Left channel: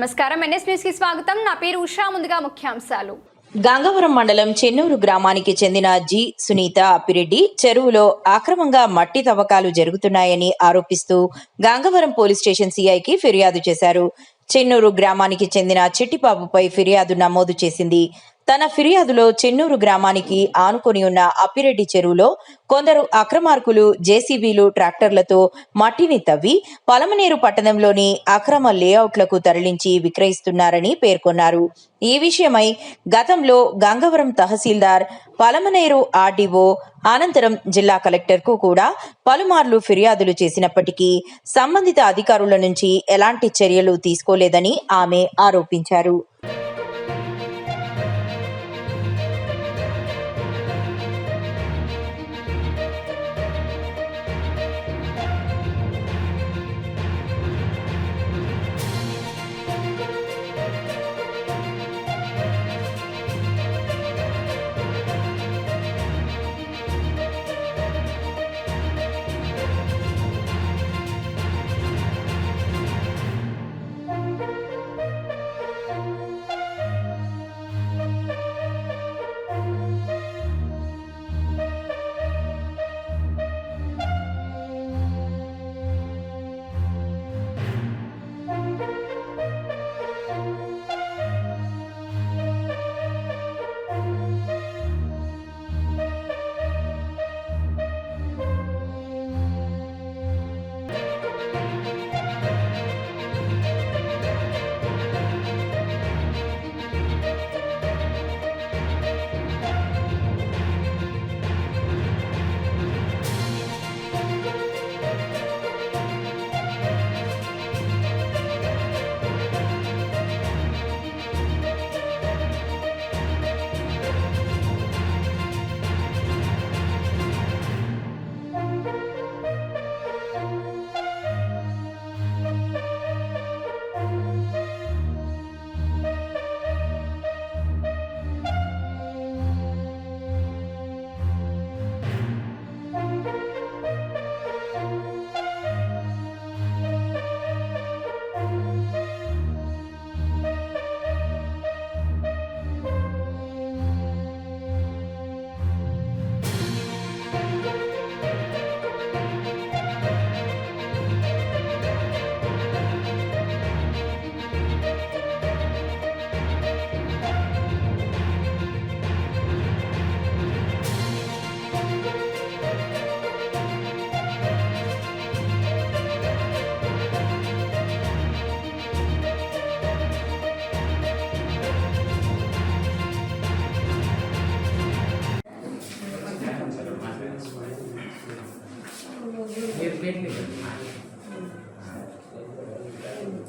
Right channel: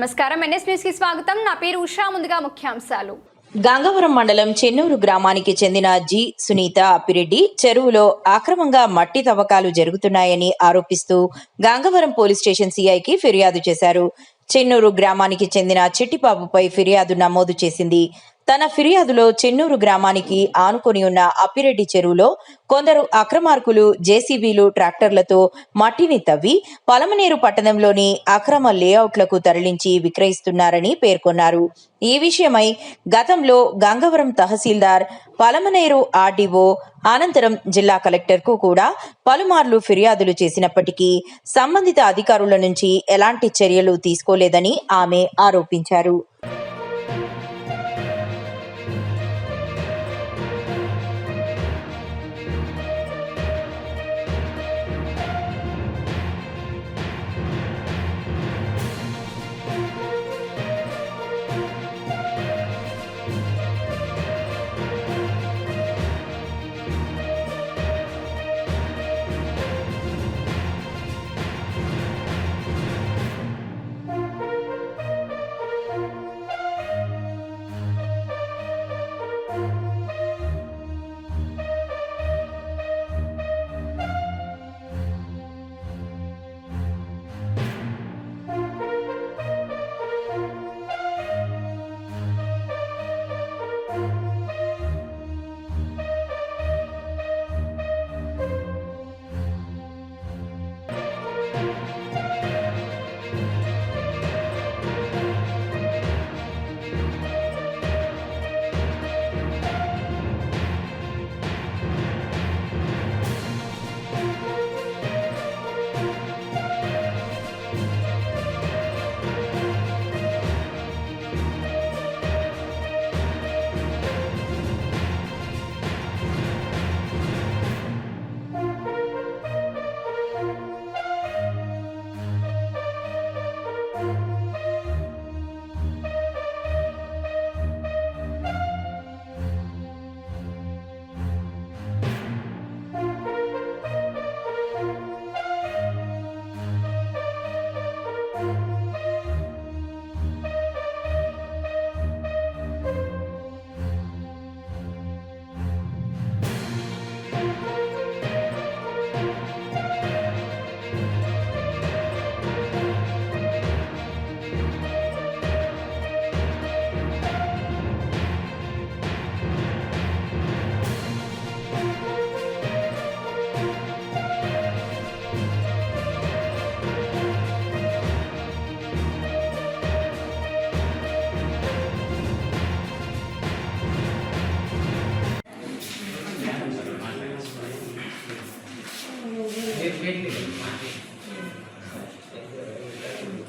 నమస్కారం, NS news కి స్వాగతం. నా పేరు ఉషా. ముందుగా ముఖ్యాంశాలు. గంగవరం మండలం చెన్నూరు గ్రామానికి చెందిన జి సునీత అప్పిరెడ్డి చెరువులో అక్రమంగా మట్టి తవ్వకాలు జరుగుతున్నాయని ఆరోపిస్తూ గంగవరం పోలీస్ స్టేషన్ సిఐకి ఫిర్యాదు చేశారు. చెన్నూరు గ్రామానికి చెందిన చిట్టిబాబుపై ఫిర్యాదు నమోదు చేసింది. తన ఫిర్యాదులో చెన్నూరు గ్రామానికి ఆనుకొని ఉన్న అప్పిరెడ్డి చెరువులో కొందరు అక్రమార్కులు జేసీబీలు ట్రాక్టర్లతో మట్టిని తవ్వి పలమనేరు పట్టణంలోని అక్రమ లేఅవుట్లకు తరలించి విక్రయిస్తున్నారని పేర్కొన్నారు. ఈ విషయమై గతంలో గంగవరం తహసీల్దార్, పలమనేరు ఆర్డీఓ, అనంతరం జిల్లా కలెక్టర్కు కూడా పలుమార్లు ఫిర్యాదులు చేసినప్పటికీ సంబంధిత అధికారుల నుంచి ఎలాంటి చర్యలు తీసుకోలేదని ఆమె ఆరోపించారు.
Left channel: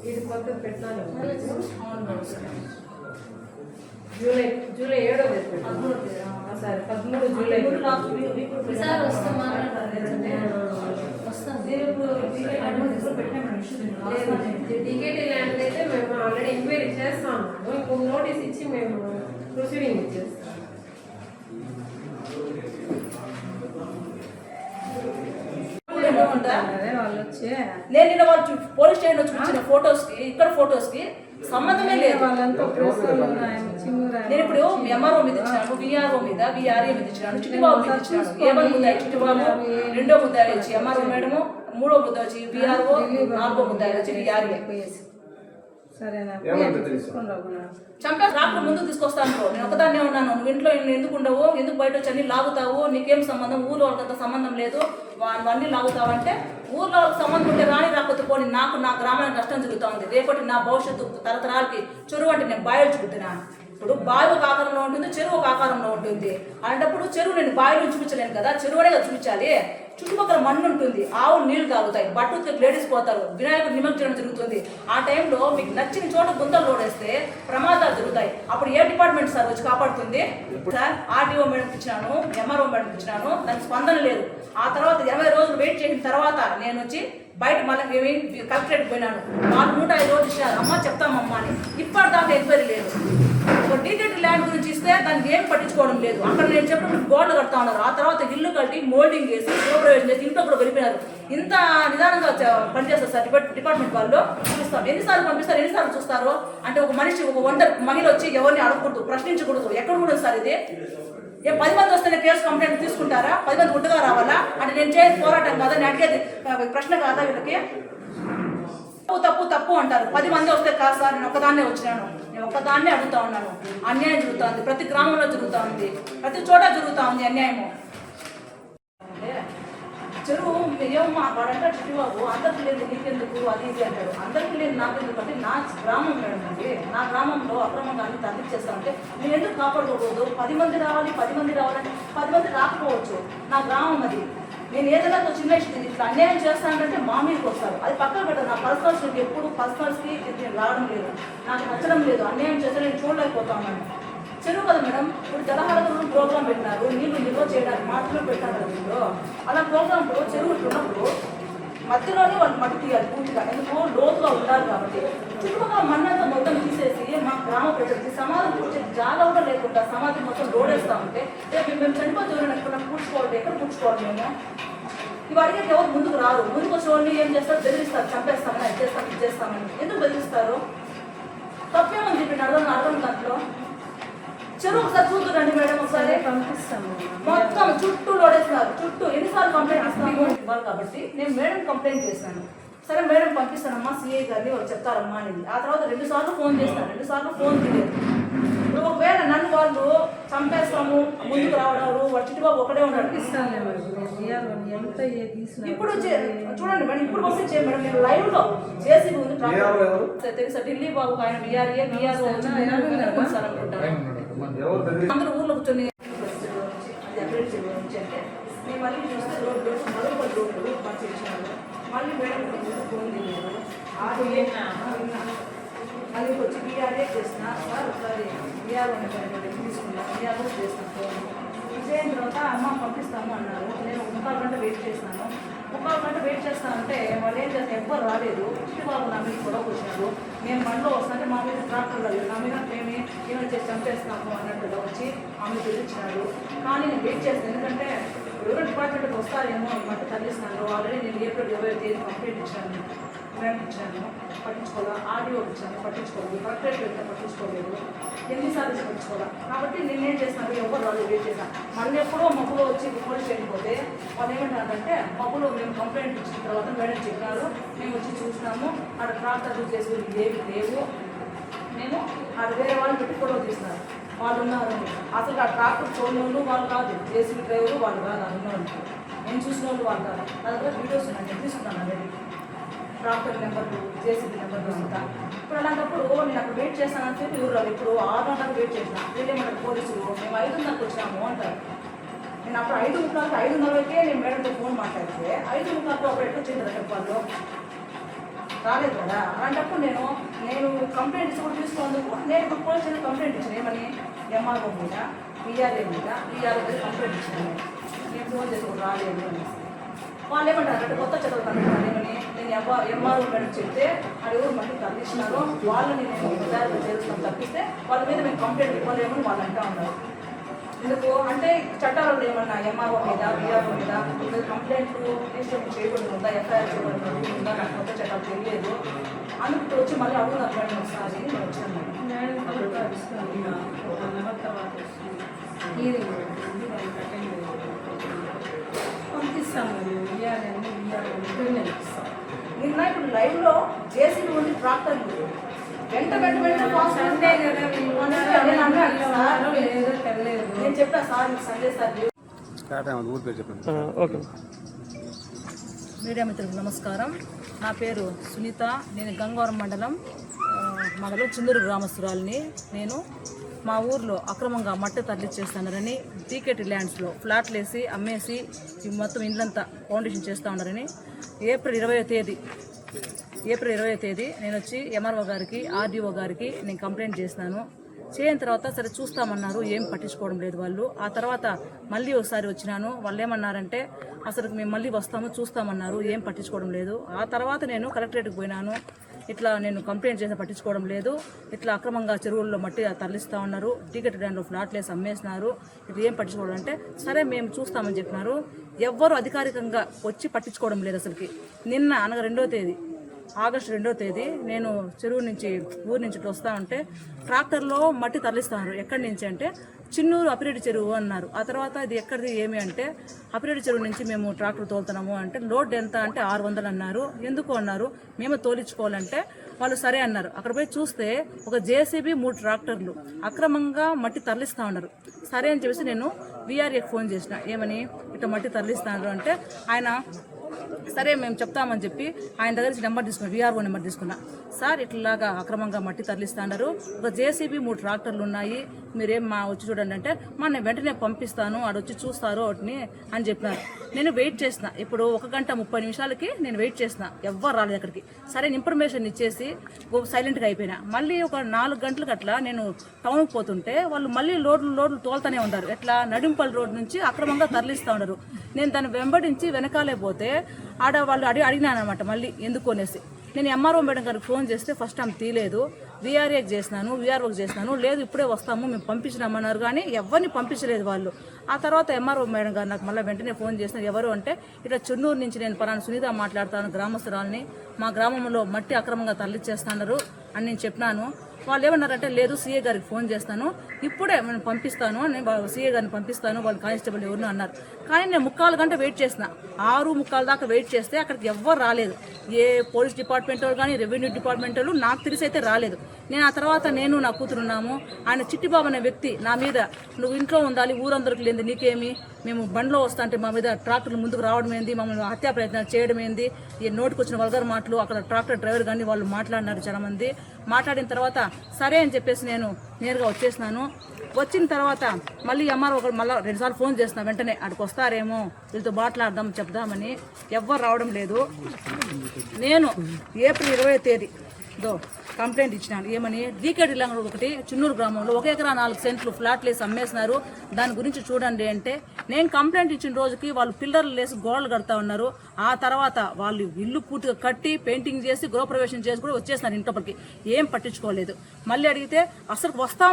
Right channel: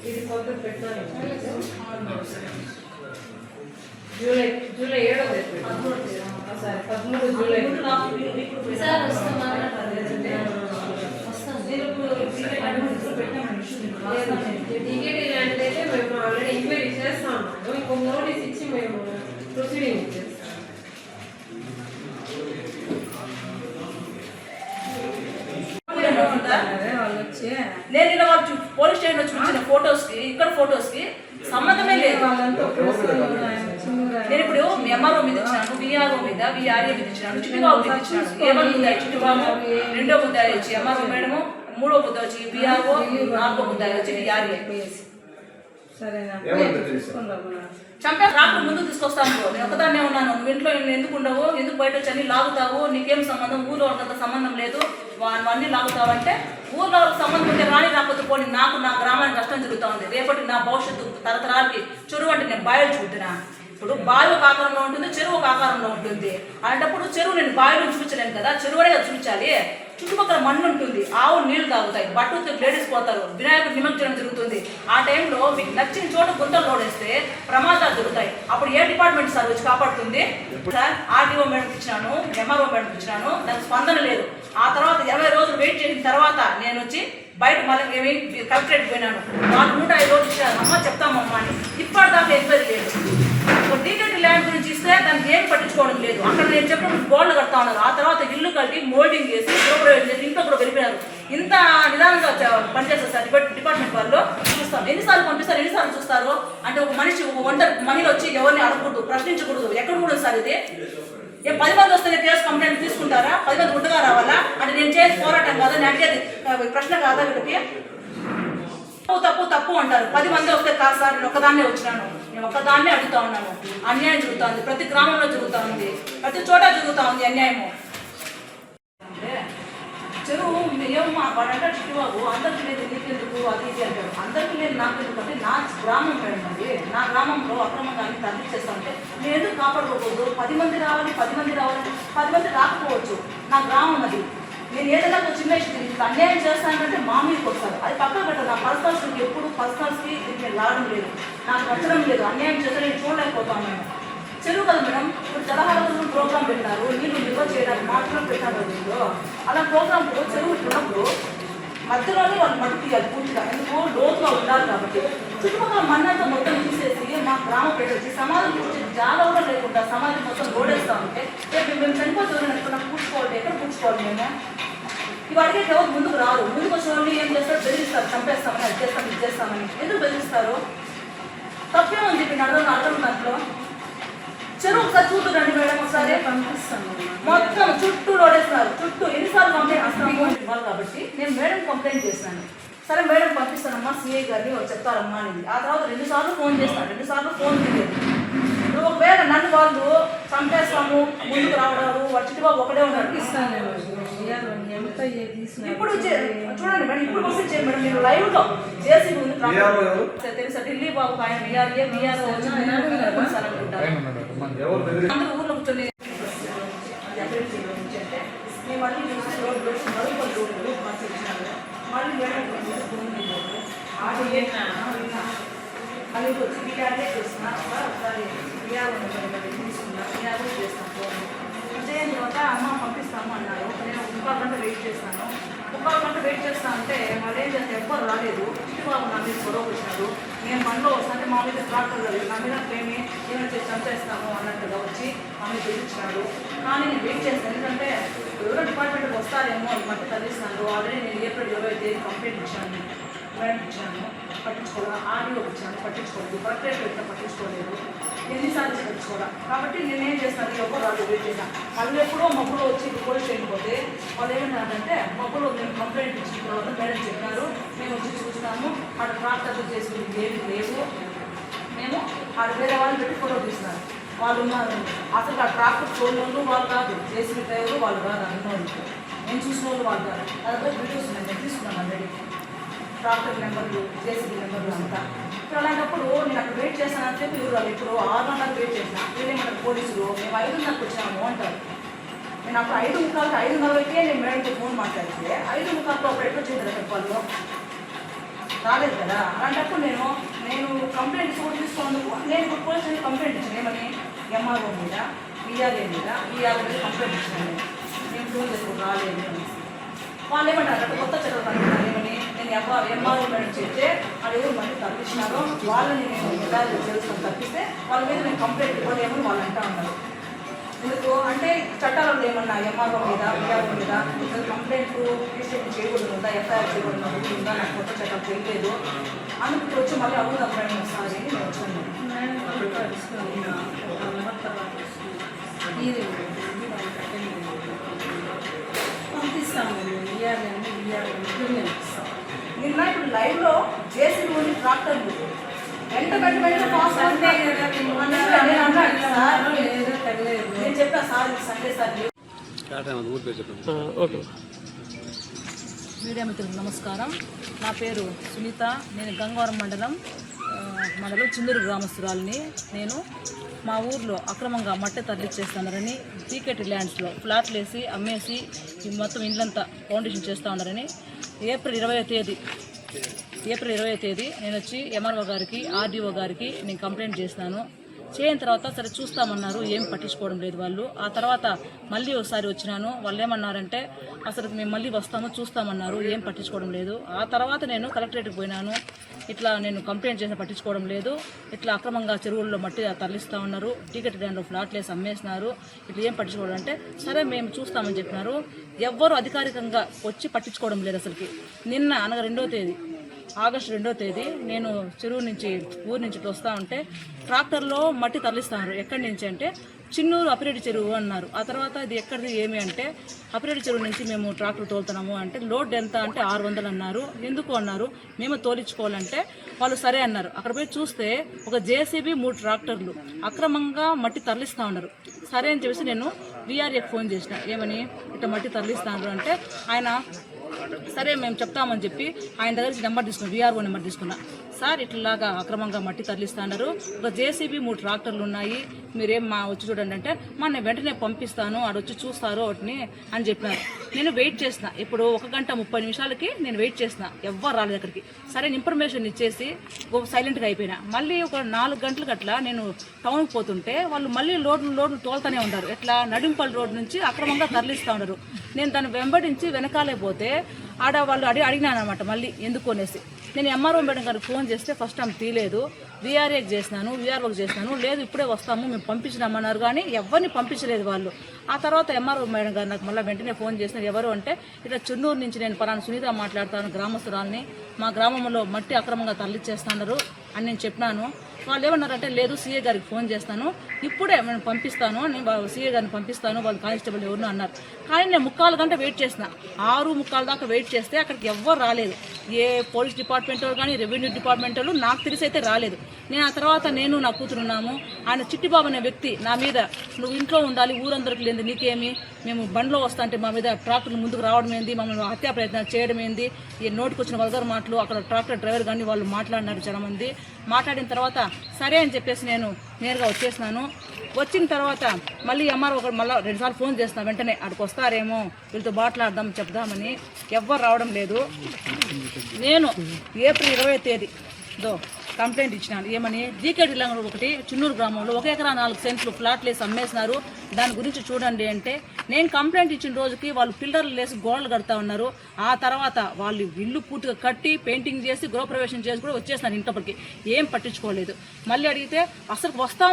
ఇది కొత్త పెట్టాలి. జూలై 7వ తేదీ సరే 13 జూలై టీకేటీ ల్యాండ్ అయితే మేము ఆల్రెడీ ఎంక్వైరీ చేస్తాం. ఇంకొక నోటీస్ ఇచ్చి మేము ప్రొసీడింగ్ ఇచ్చేస్తాం. నేను ఇలా వాళ్ళు పోలీస్ స్టేషన్లో చూపించిన ఫొటోస్కి ఇక్కడ ఫొటోస్కి సంబంధమే లేదు. నేను ఇప్పుడు ఎంఆర్ఓ మీద ఇచ్చినాను, విఆర్ఓ మీద, విఆర్ఏ మీద ఇచ్చినాను, చిట్టుబాబు మీద ఇచ్చినాను. ఏమో ముద్దాయి చిట్టుబాబు, రెండో ముద్దాయి వచ్చి ఎంఆర్ఓ మేడము, మూడో ముద్ద వచ్చి విఆర్ఓ, నాలుగో ముద్దాయి వచ్చి విఆర్ఏ. చంపే రాకుండా ముందుకు తీసుకొస్తాను. నేను ఒకదాన్నే ఉన్నాను. నువ్వు ఇంట్లో ఎందుకు ఉండవు, ఎందుకు బయట వచ్చి అన్ని లాగుతావు, నీకేం సంబంధం, ఊళ్ళో వాళ్ళతో సంబంధం లేదు, అన్నీ లాగుతావు అంటే ఊళ్ళో వాళ్ళకి సంబంధం ఉంటే రాని రాకపోతే పోనీ నాకు నా గ్రామానికి నష్టం జరుగుతూ ఉంది. రేపటి నా భవిష్యత్తు తరతరాలకి చెరువు అంటే నేను బాయిలు చూపుతున్నా. ఇప్పుడు బావి ఒక ఆకారంలో ఉంటుంది, చెరువు ఒక ఆకారంలో ఉంటుంది. అలాంటప్పుడు చెరువు నేను బావిలో చూపించలేను కదా, చెరువునే కదా చూపించాలి. చుట్టుపక్కల మన్ను ఉంటుంది, ఆవు నీళ్లు తాగుతాయి, బట్టలు లేడీస్ పోతారు, వినాయకుడు నిమజ్జనం జరుగుతుంది. ఆ టైంలో మీకు నచ్చిన చోట గుంతలు లోడేస్తే ప్రమాదాలు జరుగుతాయి. అప్పుడు ఏ డిపార్ట్మెంట్ సార్ వచ్చి కాపాడుతుంది? సార్ ఆర్డీఓ మేడంకి ఇచ్చినాను, ఎంఆర్ఓ మేడంకి ఇచ్చినాను, దానికి స్పందన లేదు. ఆ తర్వాత 20 రోజులు వెయిట్ చేసిన తర్వాత నేను వచ్చి బయట మళ్ళీ కలెక్టరేట్ పోయినాను. వాళ్ళు 105 రోజులు ఇచ్చారు. అమ్మ చెప్తామమ్మా అని. ఇప్పటిదాకా ఎంక్వైరీ లేదు. డీకేటీ ల్యాండ్ గురించి ఇస్తే దానికి ఏం పట్టించుకోవడం లేదు. అక్కడ నేను చెప్పిన గోడలు కడతా ఉన్నారు, ఆ తర్వాత ఇల్లు కట్టి మోల్డింగ్ చేసి గృహప్రవేశం చేసి ఇంట్లో కూడా వెళ్ళిపోయారు. ఇంత నిదానంగా పనిచేస్తారు సార్ డిపార్ట్మెంట్ వాళ్ళు. చూస్తాం ఎన్నిసార్లు పంపిస్తారు, ఎన్నిసార్లు చూస్తారు అంటే ఒక మనిషి ఒక ఒంటరి మహిళ వచ్చి ఎవరిని అడగకూడదు, ప్రశ్నించకూడదు. ఎక్కడ కూడా సార్ ఇది 10 మంది వస్తేనే కేసు కంప్లైంట్ తీసుకుంటారా? 10 మంది గుడ్డగా రావాలా? అంటే నేను చేసి పోరాటం కాదా, నేను అడిగేది ప్రశ్న కాదా వీళ్ళకి? తప్పు తప్పు అంటారు. 10 మంది వస్తే కాదు సార్, నేను ఒక్కదాన్నే వచ్చినాను, నేను ఒక్కదాన్నే అడుగుతా ఉన్నాను. అన్యాయం జరుగుతూ ఉంది, ప్రతి గ్రామంలో జరుగుతూ ఉంది, ప్రతి చోట జరుగుతూ ఉంది అన్యాయము. అంటే చెరువు ఏమో వాడంటే చిట్టుబాబు అందరికీ లేదు నీకెందుకు అది ఇది అంటాడు. అందరికీ లేదు నాకు ఎందుకు అంటే నా గ్రామం మేడం అండి, నా గ్రామంలో అక్రమంగా అన్ని తరలిచ్చేస్తా అంటే నేను ఎందుకు కాపాడుకోకూడదు? 10 మంది రావాలి, 10 మంది రావాలంటే 10 మంది రాకపోవచ్చు. నా గ్రామం అది. నేను ఏదైనా ఒక చిన్న ఇట్లా అన్యాయం చేస్తానంటే మా మీదకి వస్తారు. అది పక్కన పెట్టదు. నా పర్సనల్స్కి ఎప్పుడు పర్సనల్స్కి నేను రావడం లేదు, నాకు వచ్చడం లేదు. అన్యాయం చేస్తే నేను చూడలేకపోతా ఉన్నాను. చెరువు కదా మేడం, ఇప్పుడు జలహారతులు ప్రోగ్రామ్ పెట్టారు, నీళ్ళు నిల్వ చేయడానికి మాత్రమే పెట్టారు దీంట్లో. అలా ప్రోగ్రామ్ చెరువు ఇచ్చినప్పుడు మధ్యలోనే వాళ్ళు మట్టి తీయాలి పూర్తిగా, ఎందుకు లోతుగా ఉండాలి కాబట్టి. చుట్టుపక్కల మన్నంతా మొత్తం తీసేసి మా గ్రామ పెట్టేసి సమాధం పూర్తి జాగా కూడా లేకుండా సమాధం మొత్తం రోడేస్తా ఉంటే మేము చనిపోతే ఎక్కడ పూడ్చుకోవాలి, ఎక్కడ పూడ్చుకోవాలి? మేము ఇవి అడిగే ఎవరు ముందుకు రారు. ముందుకు వచ్చిన వాళ్ళు ఏం చేస్తారు? బెదిరిస్తారు, చంపేస్తామని, అది చేస్తాం, ఇది చేస్తామని. ఎందుకు బెదిరిస్తారు? తప్పేమని చెప్పి అర్థం దాంట్లో. చెరువు ఒకసారి చూద్దురండి మేడం, ఒకసారి పంపిస్తాను. మొత్తం చుట్టూ లోడేస్తున్నారు. చుట్టూ ఎన్నిసార్లు కంప్లైంట్ ఇస్తాము ఇవ్వాలి కాబట్టి నేను మేడం కంప్లైంట్ చేస్తాను. సరే మేడం పంపిస్తానమ్మా, సిఐ గారిని వాళ్ళు చెప్తారమ్మా అనేది. ఆ తర్వాత 2 సార్లు ఫోన్ చేస్తాను, 2 సార్లు ఫోన్ తీయలేదు. ఒకవేళ నన్ను వాళ్ళు చంపేస్తాము ముందుకు రావడారు, వాడు చిట్టుబాబు ఒకడే ఉన్నాడు. ఇప్పుడు చూడండి మేడం, ఇప్పుడు పంపించేయండి మేడం. మీరు లైవ్ లో చేసి తెలుసా ఢిల్లీ బాబు ఆయన విఆర్ఏ అందరూ ఊర్లో కూర్చొని అంటే నేను మళ్ళీ చూస్తే రోడ్డు మళ్ళీ మేడం ఫోన్ చేయలేదు. మళ్ళీ వచ్చి విఆర్ఏ చేస్తున్నా సార్, ఒకసారి విఆర్ తీసుకున్నా, విఆర్ఏ చేస్తాను. విజయం తర్వాత అమ్మ పంపిస్తాము అన్నారు. నేను 1 గంట వెయిట్ చేస్తున్నాను. 1 గంట వెయిట్ చేస్తాను అంటే వాళ్ళు ఏం చేస్తారు, ఎవ్వరు రాలేదు. చిట్టుబాబు నా మీద గొడవ వచ్చినారు. నేను మనలో వస్తుంటే మా మీద ట్రాక్టర్ లేదు, నా మీద ఏమి ఏమైనా చేసి చంపేస్తాము అన్నట్టుగా వచ్చి మా మీద తెలిసినాడు. కానీ నేను వెయిట్ చేస్తాను, ఎందుకంటే ఎవరో డిపార్ట్మెంట్కి వస్తారేమో ఈ మధ్య తరలిస్తున్నారు. ఆల్రెడీ నేను ఏప్రిల్ 20 కంప్లైంట్ ఇచ్చాను, మేడం ఇచ్చాను, పట్టించుకోవాలి. ఆడియో ఇచ్చాను, పట్టించుకోలేదు. కలెక్టరేట్ వెళ్తే పట్టించుకోలేదు. ఎన్నిసార్లు పట్టించుకోవాలి. కాబట్టి నేనేం చేస్తాను, ఎవరు రాదు వెయిట్ చేశాను. మళ్ళీ ఎప్పుడో మబ్బులో వచ్చి పోలీస్ స్టేషన్ పోతే వాళ్ళు ఏమంటారంటే మబ్బులో మేము కంప్లైంట్ ఇచ్చిన తర్వాత మేడం చెప్పినారు, మేము వచ్చి చూస్తాము, అక్కడ ట్రాక్టర్లు చేసి ఏమి లేవు, మేము ఆడ వేరే వాళ్ళని పెట్టి ఫోటో తీస్తున్నారు. వాళ్ళు ఉన్నారు అసలు ఆ ట్రాక్టర్ చూడని వాళ్ళు కాదు, జేసీబీ డ్రైవరు వాళ్ళు కాదు, అన్నోళ్ళు నేను చూసిన వాళ్ళు వాళ్ళు కాదు. అదంతా వీడియోస్ ఉన్నాయి, నేను తీసుకున్నాను ఆల్రెడీ. ట్రాక్టర్ నెంబర్లు, జేసీబీ నెంబర్లు అంతా. ఇప్పుడు అలాంటప్పుడు నేను అక్కడ వెయిట్ చేస్తానని చెప్పి ఎవరు ఇప్పుడు 6 గంటలకు వెయిట్ చేసినా. వీళ్ళేమంటారు పోలీసులు, మేము 5:30కి వచ్చాము అంటారు. నేను అప్పుడు 5:30కి 5:30కే నేను మేడంతో ఫోన్ మాట్లాడితే 5:30 అప్పుడు ఎట్లా చేశారు చెప్పాలో రాలేదు కదా. అలాంటప్పుడు నేను కంప్లైంట్స్ కూడా తీసుకోందుకు నేను ఇప్పుడు పోలీస్ స్టేషన్ కంప్లైంట్ ఇచ్చాను. ఏమని ఎంఆర్ఓ మీద, విఆర్ఏ మీద కంప్లైంట్ ఇచ్చాను. నేను ఫోన్ చేసుకుని రాలేదు అని. వాళ్ళు ఏమంటారు అంటే కొత్త చదువు కనుక్కున్నాను. ఏమని నేను ఎంఆర్ఓ మేడం చెప్తే అది ఎవరు మళ్ళీ తప్పించినారో వాళ్ళని నేను తెలుసుకొని తప్పిస్తే వాళ్ళ మీద నేను కంప్లైంట్ ఇవ్వలేమని వాళ్ళు అంటూ ఉన్నారు. ఎందుకు అంటే చట్టాలలో ఏమన్నా ఎంఆర్ఓ మీద, విఆర్ఓ మీద కంప్లైంట్ రిజిస్ట్రేషన్ చేయకూడదు ఉందా, ఎఫ్ఐఆర్ చేయకూడదు ఉందా, నాకు కొత్త చట్టాలు తెలియలేదు. అందుకు వచ్చి మళ్ళీ అవును అప్పుడు ఒకసారి నేను వచ్చాను. పంపిస్తాము నిన్న ఇప్పుడు లైవ్లో జేసీబీ ఉంది, ట్రాక్టర్లు వెంట నేను చెప్పా సార్ సండే సార్. మీడియా మిత్రులకు నమస్కారం. నా పేరు సునీత. నేను గంగవరం మండలం చిందూరు గ్రామస్తురాలని. నేను మా ఊర్లో అక్రమంగా మట్టి తరలిచ్చేస్తున్నారని, టీకేటీ ల్యాండ్స్లో ఫ్లాట్లు వేసి అమ్మేసి ఈ మొత్తం ఇండ్లంతా ఫౌండేషన్ చేస్తూ ఉన్నారని ఏప్రిల్ 20వ తేదీ నేను వచ్చి ఎంఆర్ఓ గారికి, ఆర్డీఓ గారికి నేను కంప్లైంట్ చేసినాను. చేయని తర్వాత సరే చూస్తామన్నారు, ఏం పట్టించుకోవడం లేదు వాళ్ళు. ఆ తర్వాత మళ్ళీ ఒకసారి వచ్చినాను. వాళ్ళు ఏమన్నారంటే అసలు మేము మళ్ళీ వస్తాము చూస్తామన్నారు, ఏం పట్టించుకోవడం లేదు. ఆ తర్వాత నేను కలెక్టరేట్కి పోయినాను. ఇట్లా నేను కంప్లైంట్ చేసిన పట్టించుకోవడం లేదు, ఇట్లా అక్రమంగా చెరువుల్లో మట్టి తరలిస్తూ ఉన్నారు, టికెట్ ల్యాండ్లో ఫ్లాట్లు వేసి అమ్మేస్తున్నారు, ఇట్లా ఏం పట్టించుకోవడం అంటే సరే మేము చూస్తామని చెప్పినారు. ఎవ్వరూ అధికారికంగా వచ్చి పట్టించుకోవడం లేదు అసలుకి. నిన్న అనగా ఆగస్టు 2వ తేదీ నేను ఊరు నుంచి వస్తూ ఉంటే ట్రాక్టర్లో మట్టి తరలిస్తున్నారు. ఎక్కడి నుంచి అంటే చిన్నూరు అపిరెడ్డి చెరువు అన్నారు. ఆ తర్వాత ఇది ఎక్కడిది ఏమి అంటే అపిరెడ్డి చెరువు నుంచి మేము ట్రాక్టర్ తోలుతున్నాము అంటే లోడ్ ఎంత అంటే 600 అన్నారు. ఎందుకు అన్నారు, మేము తోలించుకోవాలంటే వాళ్ళు సరే అన్నారు. అక్కడ పోయి చూస్తే ఒక జేసీబీ 3 ట్రాక్టర్లు అక్రమంగా మట్టి తరలిస్తూ ఉన్నారు. సరే అని చెప్పేసి నేను వీఆర్ఏకి ఫోన్ చేసిన, ఏమని ఇట్లా మట్టి తరలిస్తున్నారు అంటే ఆయన సరే మేము చెప్తామని చెప్పి ఆయన దగ్గర నుంచి నెంబర్ తీసుకున్నా, వీఆర్ఓ నెంబర్ తీసుకున్నా. సార్ ఇట్లాగా అక్రమంగా మట్టి తరలిస్తున్నారు, ఒక జేసీబీ 3 ట్రాక్టర్లు ఉన్నాయి, మీరేం వచ్చి చూడండి అంటే నేను వెంటనే పంపిస్తాను, ఆడొచ్చి చూస్తారు వాటిని అని చెప్పినారు. నేను వెయిట్ చేసిన, ఇప్పుడు 1 గంట 30 నిమిషాలకి నేను వెయిట్ చేసిన, ఎవ్వరు రాలేదు అక్కడికి. సరే ఇన్ఫర్మేషన్ ఇచ్చేసి సైలెంట్గా అయిపోయినా. మళ్ళీ ఒక 4 గంటలకు అట్లా నేను టౌన్కి పోతుంటే వాళ్ళు మళ్ళీ లోడ్లు తోలుతూనే ఉన్నారు. ఎట్లా నడింపల్లి రోడ్ నుంచి అక్రమంగా తరలిస్తూ ఉన్నారు. నేను దాన్ని వెంబడించి వెనకాలే పోతే ఆడ వాళ్ళు అడిగినాను అనమాట మళ్ళీ ఎందుకు అనేసి. నేను ఎంఆర్ఓ మేడం గారికి ఫోన్ చేస్తే ఫస్ట్ ఆమె తీయలేదు, వీఆర్ఓకి చేసినాను, లేదు ఇప్పుడే వస్తాము మేము పంపించినామన్నారు, కానీ ఎవరిని పంపించలేదు వాళ్ళు. ఆ తర్వాత ఎంఆర్ఓ మేడం గారు నాకు మళ్ళీ వెంటనే ఫోన్ చేసినారు. ఎవరు అంటే ఇట్లా చెన్నూరు నుంచి నేను పలానా సునీత మాట్లాడతాను, గ్రామస్తురాలని, మా గ్రామంలో మట్టి అక్రమంగా తరలిచ్చేస్తున్నారు అని నేను చెప్పినాను. వాళ్ళు ఏమన్నారంటే లేదు సీఏ గారికి ఫోన్ చేస్తాను, ఇప్పుడే నేను పంపిస్తాను, నేను సీఏ గారిని పంపిస్తాను, వాళ్ళు కానిస్టేబుల్ ఎవరు అన్నారు. కానీ నేను 3/4 గంట వెయిట్ చేసిన, 6:45 దాకా వెయిట్ చేస్తే అక్కడికి ఎవ్వరు రాలేదు. ఏ పోలీస్ డిపార్ట్మెంట్ వాళ్ళు కానీ రెవెన్యూ డిపార్ట్మెంట్ వాళ్ళు నాకు తెలిసి అయితే రాలేదు. నేను ఆ తర్వాత నేను నా కూతురున్నాము, ఆయన చిట్టిబాబు అనే వ్యక్తి నా మీద నువ్వు ఇంట్లో ఉండాలి, ఊరందరికి లేదు నీకేమి, మేము బండ్లో వస్తా అంటే మా మీద ట్రాక్టర్లు ముందుకు రావడం ఏంది, మమ్మల్ని హత్యా ప్రయత్నం చేయడం ఏంది, ఈ నోటికి వచ్చిన వల్గర్ మాటలు అక్కడ ట్రాక్టర్ డ్రైవర్ కానీ వాళ్ళు మాట్లాడినారు చాలామంది. మాట్లాడిన తర్వాత సరే అని చెప్పేసి నేను నేరుగా వచ్చేసినాను. వచ్చిన తర్వాత మళ్ళీ ఎంఆర్ఓ మళ్ళీ 2 సార్లు ఫోన్ చేస్తున్నా, వెంటనే అక్కడికి వస్తారేమో వీళ్ళతో మాట్లాడదాం చెప్దామని. ఎవ్వరు రావడం లేదు. నేను ఏప్రిల్ 20వ తేదీ కంప్లైంట్ ఇచ్చినాను, ఏమని డీకేటీ ల్యాండ్ ఒకటి చిన్నూరు గ్రామంలో 1 ఎకరా 4 సెంట్లు ఫ్లాట్లు వేసి అమ్మేసినారు, దాని గురించి చూడండి అంటే నేను కంప్లైంట్ ఇచ్చిన రోజుకి వాళ్ళు పిల్లర్లు వేసి గోడలు కడతా ఉన్నారు. ఆ తర్వాత వాళ్ళు ఇల్లు పూర్తిగా కట్టి పెయింటింగ్ చేసి గృహప్రవేశం చేసి కూడా వచ్చేస్తున్నారు ఇంట్లోపలికి, ఏం పట్టించుకోలేదు. మళ్ళీ అడిగితే అసలు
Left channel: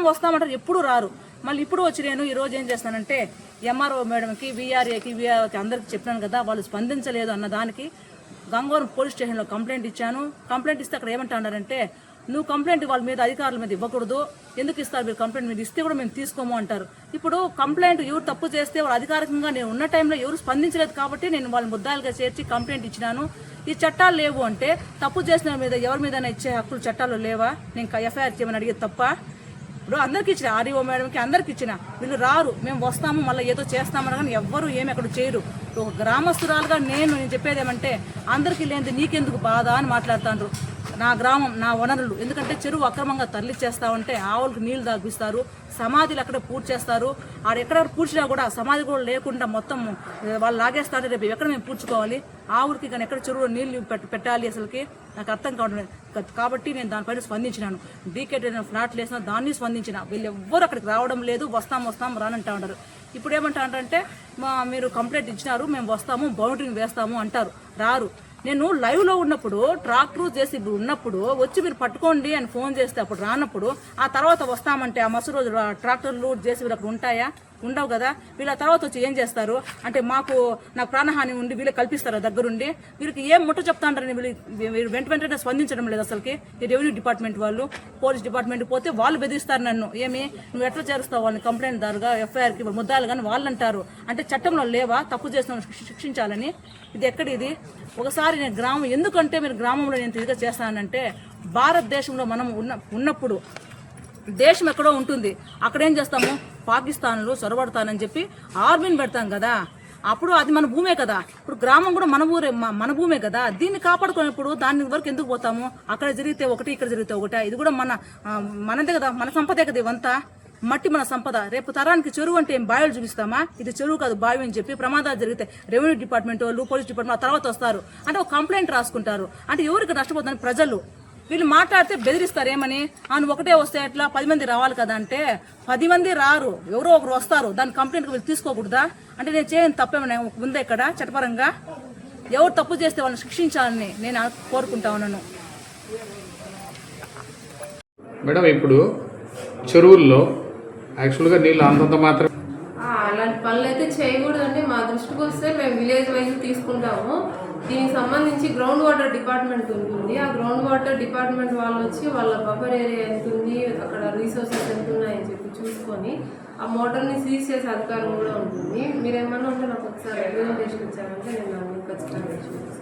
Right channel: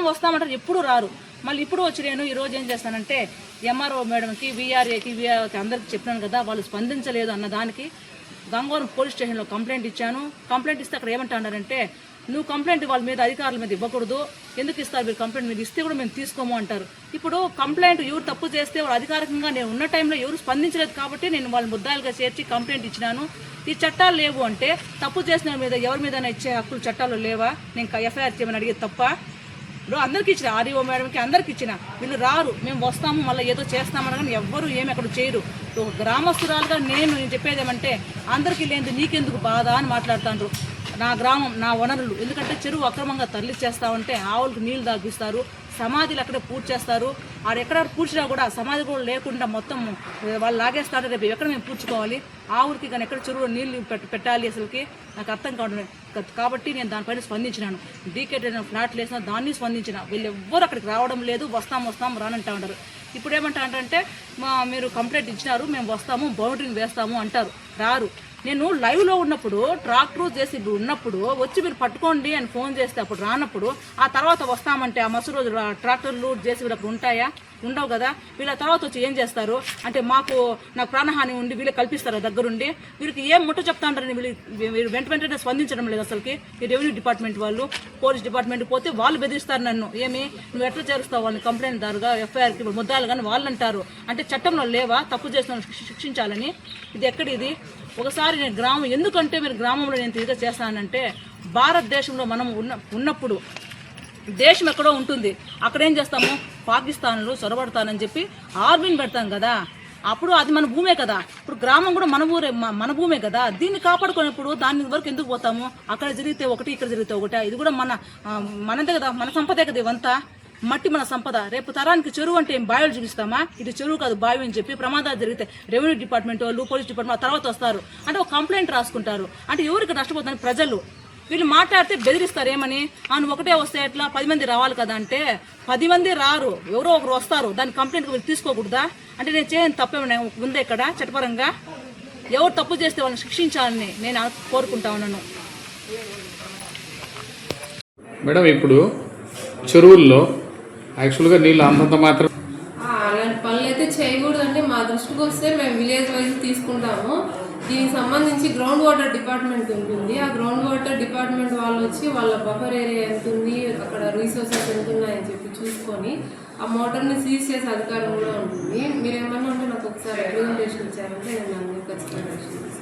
వస్తామంటారు, ఎప్పుడు రారు. మళ్ళీ ఇప్పుడు వచ్చి నేను ఈరోజు ఏం చేస్తానంటే ఎంఆర్ఓ మేడంకి వీఆర్ఏకి అందరికి చెప్పినాను కదా, వాళ్ళు స్పందించలేదు అన్న దానికి గంగవరం పోలీస్ స్టేషన్లో కంప్లైంట్ ఇచ్చాను. కంప్లైంట్ ఇస్తే అక్కడ ఏమంటున్నారంటే నువ్వు కంప్లైంట్ వాళ్ళ మీద అధికారుల మీద ఇవ్వకూడదు, ఎందుకు ఇస్తారు మీరు కంప్లైంట్ మీద ఇస్తే కూడా మేము తీసుకోము అంటారు. ఇప్పుడు కంప్లైంట్ ఎవరు తప్పు చేస్తే వాళ్ళు అధికారికంగా నేను ఉన్న టైంలో ఎవరు స్పందించలేదు కాబట్టి నేను వాళ్ళని ముద్దాయిలుగా చేర్చి కంప్లైంట్ ఇచ్చినాను. ఈ చట్టాలు లేవు అంటే తప్పు చేసిన మీద ఎవరి మీద ఇచ్చే హక్కులు చట్టాలు లేవా, నేను ఎఫ్ఐఆర్ చేయమని అడిగేది తప్ప. ఇప్పుడు అందరికి ఇచ్చిన, ఆర్ఈఓ మేడంకి అందరికి ఇచ్చిన, వీళ్ళు రారు, మేము వస్తాము మళ్ళీ ఏదో చేస్తామని కానీ ఎవ్వరు ఏమి అక్కడ చేయరు. ఒక గ్రామస్తురాలుగా నేను చెప్పేది ఏమంటే అందరికీ లేనిది నీకెందుకు బాధ అని మాట్లాడుతాండ్రు. నా గ్రామం నా వనరులు, ఎందుకంటే చెరువు అక్రమంగా తరలిచ్చేస్తా ఉంటే ఆవులకు నీళ్లు తాగిస్తారు, సమాధులు అక్కడే పూర్తి చేస్తారు. ఆడెక్కడ పూడ్చినా కూడా సమాధి కూడా లేకుండా మొత్తం వాళ్ళు లాగేస్తారు. రేపు ఎక్కడ మేము పూడ్చుకోవాలి, ఆవులకి కానీ ఎక్కడ చెరువులో నీళ్లు పెట్టాలి అసలుకి నాకు అర్థం కావడం. కాబట్టి నేను దానిపైన స్పందించినాను. డీకేటీ ఫ్లాట్లు వేసినా దాన్ని స్పందించిన. వీళ్ళు ఎవ్వరు అక్కడికి రావడం లేదు, వస్తాం రానంటా ఉంటారు. ఇప్పుడు ఏమంటారంటే మీరు కంప్లైంట్ ఇచ్చినారు, మేము వస్తాము బౌండరీని వేస్తాము అంటారు, రారు. నేను లైవ్లో ఉన్నప్పుడు ట్రాక్టర్ చేసి ఉన్నప్పుడు వచ్చి మీరు పట్టుకోండి అని ఫోన్ చేస్తే అప్పుడు రానప్పుడు, ఆ తర్వాత వస్తామంటే ఆ మరుసటి రోజు ట్రాక్టర్లు చేసి అక్కడ ఉంటాయా, ఉండవు కదా. వీళ్ళ తర్వాత వచ్చి ఏం చేస్తారు అంటే నాకు ప్రాణహాని ఉండి వీళ్ళు కల్పిస్తారు దగ్గరుండి, వీళ్ళకి ఏం ముట్ట చెప్తాంటారని వీళ్ళు వెంటనే స్పందించడం లేదు అసలుకి. ఈ రెవెన్యూ డిపార్ట్మెంట్ వాళ్ళు పోలీస్ డిపార్ట్మెంట్ పోతే వాళ్ళు బెదిరిస్తారు నన్ను, ఏమి నువ్వు ఎట్లా చేరుస్తావు వాళ్ళని కంప్లైంట్ దారుగా ఎఫ్ఐఆర్కి ముద్దాలు కానీ వాళ్ళు అంటారు. అంటే చట్టంలో లేవా తప్పు చేసిన శిక్షించాలని, ఇది ఎక్కడిది. ఒకసారి నేను గ్రామం, ఎందుకంటే మీరు గ్రామంలో నేను తిరిగి చేస్తానంటే భారతదేశంలో మనం ఉన్నప్పుడు దేశం ఎక్కడో ఉంటుంది, అక్కడేం చేస్తాము పాకిస్తాన్లో చొరబడతానని చెప్పి ఆర్మీని పెడతాం కదా, అప్పుడు అది మన భూమే కదా. ఇప్పుడు గ్రామం కూడా మన భూమే కదా, దీన్ని కాపాడుకునేప్పుడు దాని వరకు ఎందుకు పోతాము. అక్కడ జరిగితే ఒకటి, ఇక్కడ జరిగితే ఒకటి, ఇది కూడా మనదే కదా, మన సంపదే కదా. ఇవంతా మట్టి మన సంపద. రేపు తరానికి చెరువు అంటే ఏం బావిలు చూపిస్తామా, ఇది చెరువు కాదు బావి అని చెప్పి ప్రమాదాలు జరిగితే రెవెన్యూ డిపార్ట్మెంట్ వాళ్ళు పోలీస్ డిపార్ట్మెంట్ తర్వాత వస్తారు, అంటే ఒక కంప్లైంట్ రాసుకుంటారు. అంటే ఎవరికి నష్టపోతుందని ప్రజలు. వీళ్ళు మాట్లాడితే బెదిరిస్తారు, ఏమని నువ్వు ఒకటే వస్తే ఎట్లా 10 మంది రావాలి కదా అంటే 10 మంది రారు, ఎవరో ఒకరు వస్తారు. దాని కంప్లైంట్ వీళ్ళు తీసుకోకూడదా అంటే నేను చేయని తప్పేమన్నా ఉందా ఇక్కడ చట్టపరంగా. ఎవరు తప్పు చేస్తే వాళ్ళని శిక్షించాలని నేను కోరుకుంటా ఉన్నాను. మేడం ఇప్పుడు చెరువుల్లో యాక్చువల్గా నీళ్ళు అంతంత మాత్రం అలాంటి పనులు అయితే చేయకూడదండి. మా దృష్టికి వస్తే మేము విలేజ్ వైజ్ తీసుకుంటాము. దీనికి సంబంధించి గ్రౌండ్ వాటర్ డిపార్ట్మెంట్ ఉంటుంది. ఆ గ్రౌండ్ వాటర్ డిపార్ట్మెంట్ వాళ్ళు వచ్చి వాళ్ళ బఫర్ ఏరియా ఎంత ఉంది, అక్కడ రీసోర్సెస్ ఎంత ఉన్నాయని చెప్పి చూసుకొని ఆ మోటార్ని సీజ్ చేసే అధికారం కూడా ఉంటుంది. మీరు ఏమన్నా ఉంటే నాకు ఒకసారి రిప్రజెంటేషన్ ఇచ్చారంటే నేను దాన్ని ఖచ్చితంగా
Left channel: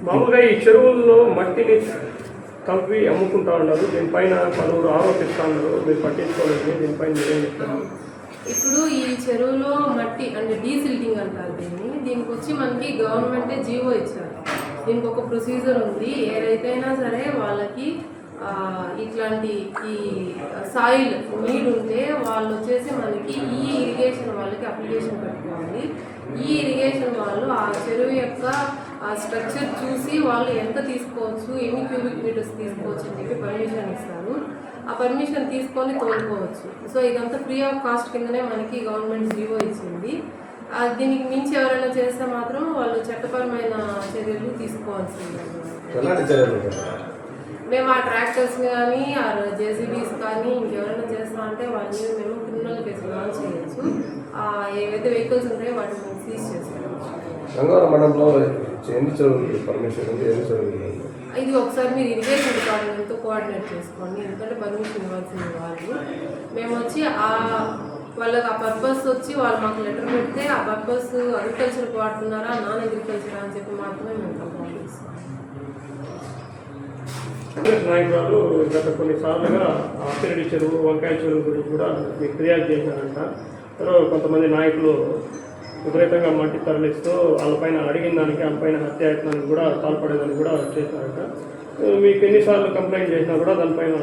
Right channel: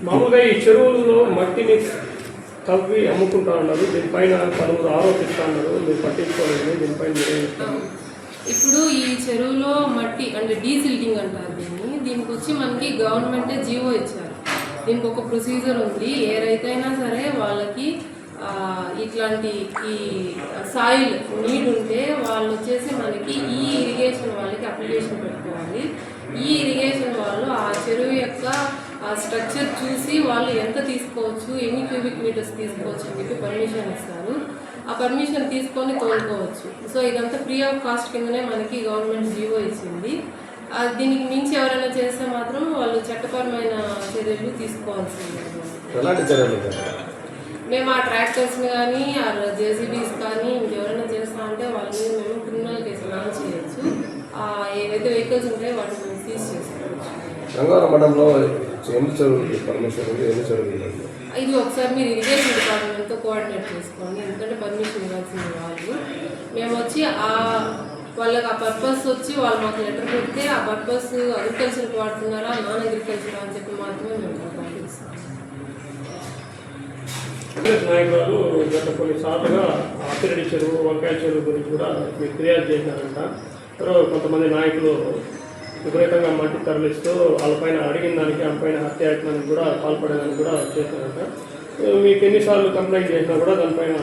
మామూలుగా ఈ చెరువుల్లో మట్టిని తవ్వి అమ్ముకుంటా ఉన్నారు. దీనిపైన పలువురు ఆరోపిస్తూ ఉన్నారు. మీరు పట్టించుకోలేదు, దీనిపైన ఇప్పుడు ఈ చెరువులో మట్టి అంటే డీసిల్టింగ్ అంటారు దీనికి వచ్చి మనకి గవర్నమెంటే జీవో ఇచ్చారు. దీనికి ఒక ప్రొసీజర్ ఉంది. ఏ రైతైనా సరే వాళ్ళకి ఇట్లాంటి ఈ సాయిల్ నీడ్ ఉంటే వాళ్ళు వచ్చేసి మనకి ఈ ఇరిగేషన్ వాళ్ళకి అప్లికేషన్ పెట్టుకోవాలి. ఈ ఇరిగేషన్ వాళ్ళు ఆ చెరువు యొక్క స్ట్రక్చర్ చూసి వాళ్ళు ఎంత తీసుకోవచ్చు, ఎన్ని క్యూబిక్ మీటర్స్ తీసుకోవచ్చు అని చెప్పి పర్మిషన్ ఇస్తారు. ఆ పర్మిషన్ తీసుకొని తోలుకోవచ్చు. సో ఇదంతా ఫ్రీ ఆఫ్ కాస్ట్ కిందనే మనకి గవర్నమెంట్ జీవో ఇచ్చింది. దీనికి మించి ఎవరైనా చేస్తే మాత్రం వాళ్ళు చట్టపరమైన చర్యలు తీసుకోవాల్సిందే. మేము ఆ ట్రాక్టర్స్ని కానీ ఆ జేసీబీస్ కానీ ఇంకెవరైనా చేస్తా అంటే వాళ్ళ మీద మేము క్రిమినల్ కేసు లాంచ్ చేయొచ్చు. ఏవైతే వెహికల్స్ ఉంటాయో వాటిని మేము సీజ్ చేసుకోవచ్చు. ఇది ఒకసారి మీరు ఇరిగేషన్ డిపార్ట్మెంట్తో కోఆర్డినేట్ చేసుకోండి. ఎందుకంటే పర్మిషన్ ఇవ్వాల్సింది వాళ్ళు. మేము వచ్చి వాళ్ళకి ఆ పర్పస్ వచ్చి వాళ్ళు మాకు లెటర్ పెడితే ఆ పర్పస్ అగ్రికల్చర్కి వాడుతున్నారా, నాన్ అగ్రికల్చర్ అని చెప్పి మాత్రమే మేము పంపిస్తాం. నాయకులు గత కొన్నిసార్లుగా ఆపిరెడ్డి చెరువు, వంకాయ చెరువు గురించి కూడా మీకు ఫిర్యాదు చేశారంట. కొంతమంది నాయకులు విపరీతంగా మట్టి తరలిస్తూ వాళ్ళపైన అడిగిన దానికి వాళ్ళపైన హత్యాయత్నానికి కూడా పాల్పడేదని కూడా చేశారంట. మీకు ఎన్నిసార్లు కంప్లైంట్ చేసినా కూడా దానిపైన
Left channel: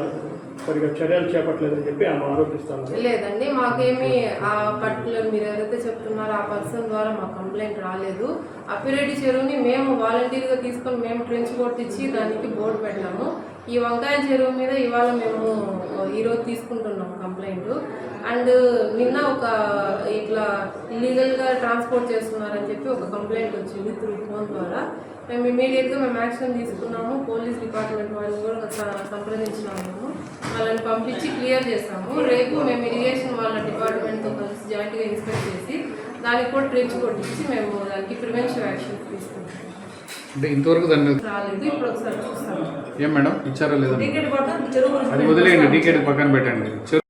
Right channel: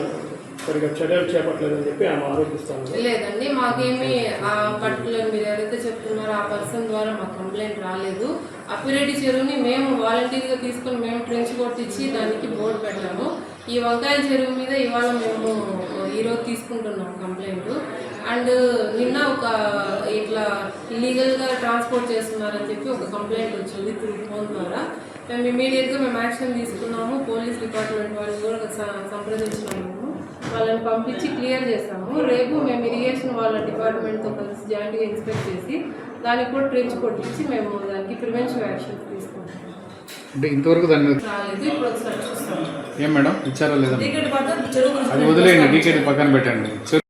సరిగ్గా చర్యలు చేపట్టలేదని చెప్పి ఆమె ఆరోపిస్తాను. లేదండి, మాకేమి ఆ పర్టికులర్ మీరు ఎవరైతే చెప్తున్నారో ఆ పర్సన్ ద్వారా మాకు కంప్లైంట్ రాలేదు. అప్పిరెడ్డి చెరువుని మేము వాలంటీర్గా తీసుకొని మేము ట్రెంచ్ కొట్టించి దానికి బోర్డు పెట్టాము. ఈ వంకాయ చెరువు మీద ఇవాళ మేము ఈరోజు తీసుకుంటున్నాం కంప్లైంట్. అండ్ నిన్న ఒక ఇట్లా ఇల్లీగల్గా ట్రాన్స్పోర్ట్ చేస్తున్నారని చెప్పి ఒక కంప్లైంట్ వచ్చింది త్రూ ఫోన్ ద్వారా. మేము ఇమీడియట్గా మేము యాక్షన్ తీసుకున్నాము. పోలీస్ డిపార్ట్మెంట్ వాళ్ళని కూడా సంప్రదించినాము. వాళ్ళని పంపించి క్లియర్ చేస్తాము. రేపు మేము ఇరిగేషన్ వాళ్ళ డిపార్ట్మెంట్తో కలిసి జాయింట్గా ఇన్స్పెక్ట్ చేసి దానికి కూడా ట్రెంచ్ కొట్టించి మేము దానికి ప్రివెన్షన్ యాక్షన్ తీసుకుంటాం. అంటే ఇంతవరకు దాన్ని రాలేదు, ఇప్పుడు ఒకసారి చూస్తాము. ఏం మేడం ఇచ్చారో లేదా టికెట్ పడితే చెరువు వదిలేయండి, టికెట్ పక్కన పెట్టండి.